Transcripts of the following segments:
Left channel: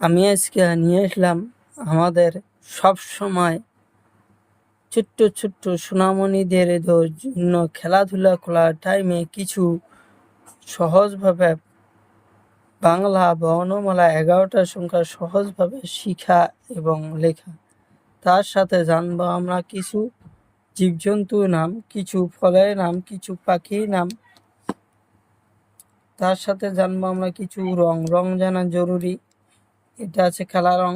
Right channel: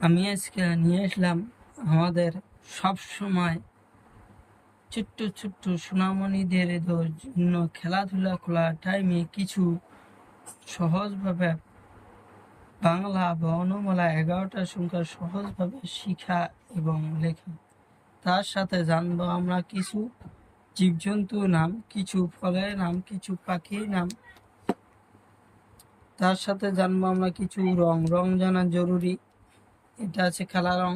আমি আজকে নিয়ে আসলাম আমাদের সব সময় ছোট্ট ছোট্ট সোনামণিদের জন্য খেলাধুলা করার টাইমে কিছু সহজভাবে বাংলা বর্ণমালা 11টা সংখ্যা সহজভাবে শিখা এবং লেখা। তার সাথে জানবো আমরা কিছু জীবজন্তুর নাম, কিছু ফলের নাম, কিছু পাখির নাম। তার সাথে জানবো আমরা কিছু রং। রং জানা জরুরি। এটা আছে কালা রং,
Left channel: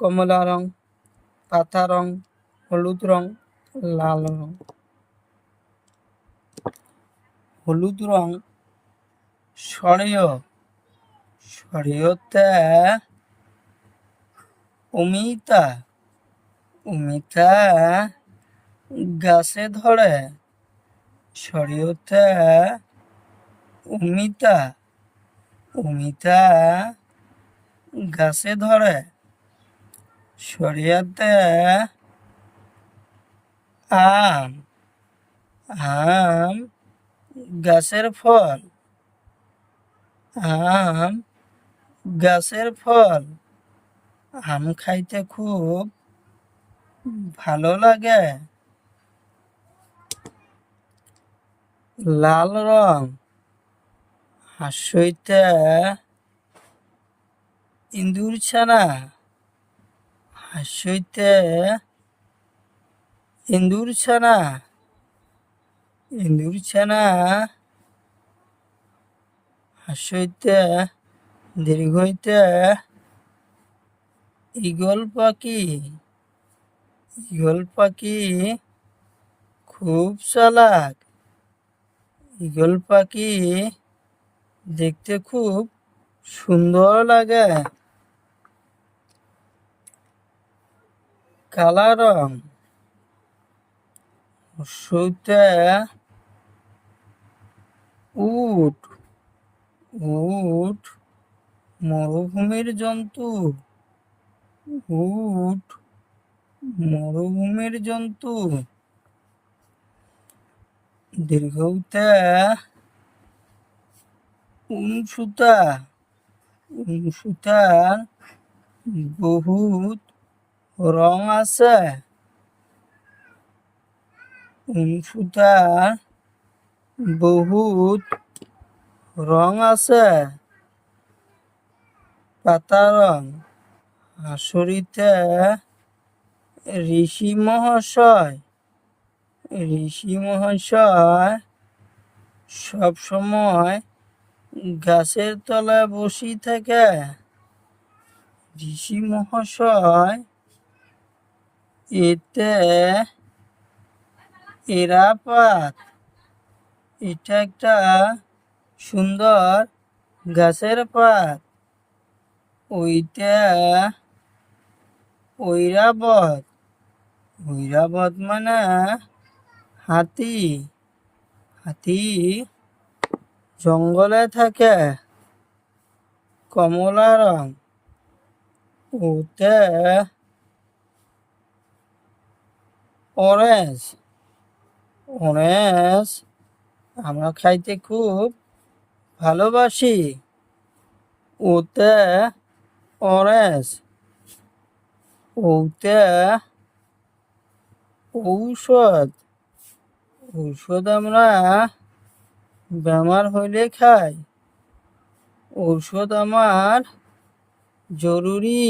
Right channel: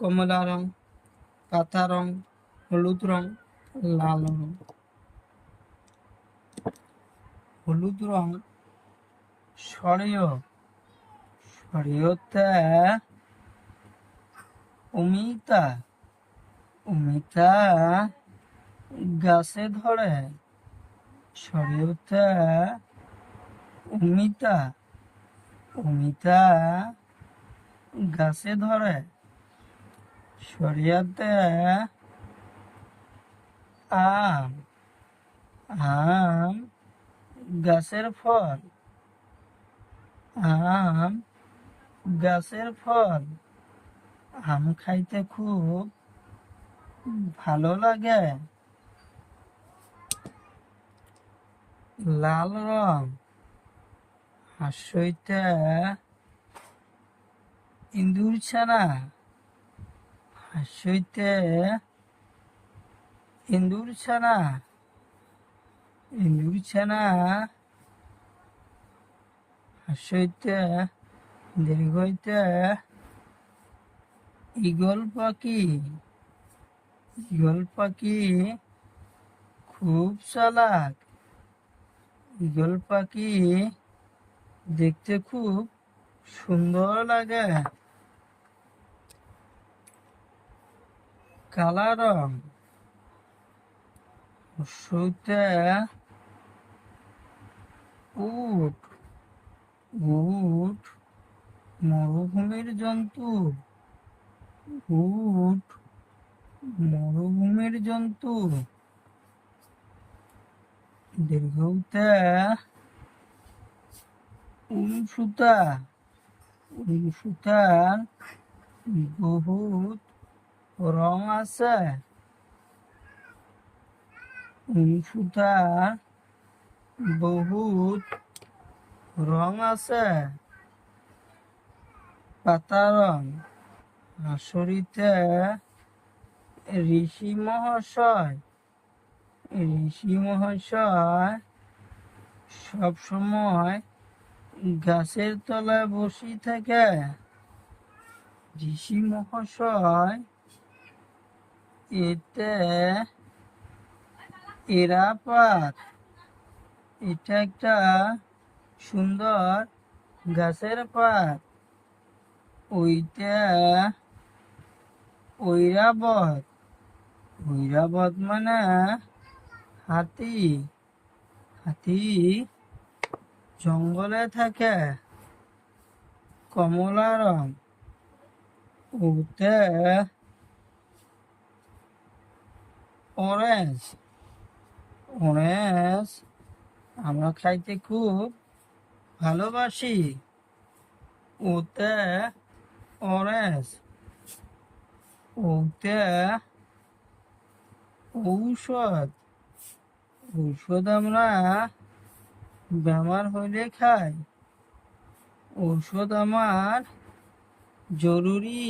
কমলা রং, পাতা রং, হলুদ রং, লাল রং। হলুদ রং সরেয়, সরেয়তে অমিতা, অমিতা গাছে ধরে, সরেয়তে অমিতা, অমিতা গাছে ধরে, সরিয়াতে আম, আম গাছের ফল, আম গাছের ফল। আম খাইতে খুব ভালো লাগে। লাল রং হাসইতে ইন্দুর ছানা, হাসইতে ইন্দুর ছানা, ইন্দুর ছানা হাসইতে দীর্ঘইতে ঈগল পাখি, ঈগল পাখি খুব চালাক। ঈগল পাখি দেখতে খুব সুন্দর লাগে। কালা রং হর্ষইতে উট, উট মরুভূমির জন্তু, উট মরুভূমির জন্তু। দীর্ঘতে উনসুতা, উনসুতার বহুত রং আছে। উনসুতার বহুত রং আছে। পাতা রং হাসরিতে ঋষি মহাশয়, ঋষি মহাশয় সব সময় গাছের তলায় বসে থাকে। ঋষি মহাশয় এতে এরাপাত, এটা একটা সুন্দর গাছের পাত। ওইটা ঐরাবত, ঐরাবত মানে হাতি, হাতি জঙ্গলে থাকে। কমলা রং ওতে অরেঞ্জ, অরেঞ্জ আমরা খাইতে খুব ভালোবাসি। ওতে অরেঞ্জ, ওতে ঔষধ, ঔষধ আমরা বেমার হইলে খাই। ঔষধ আমার জরুরি।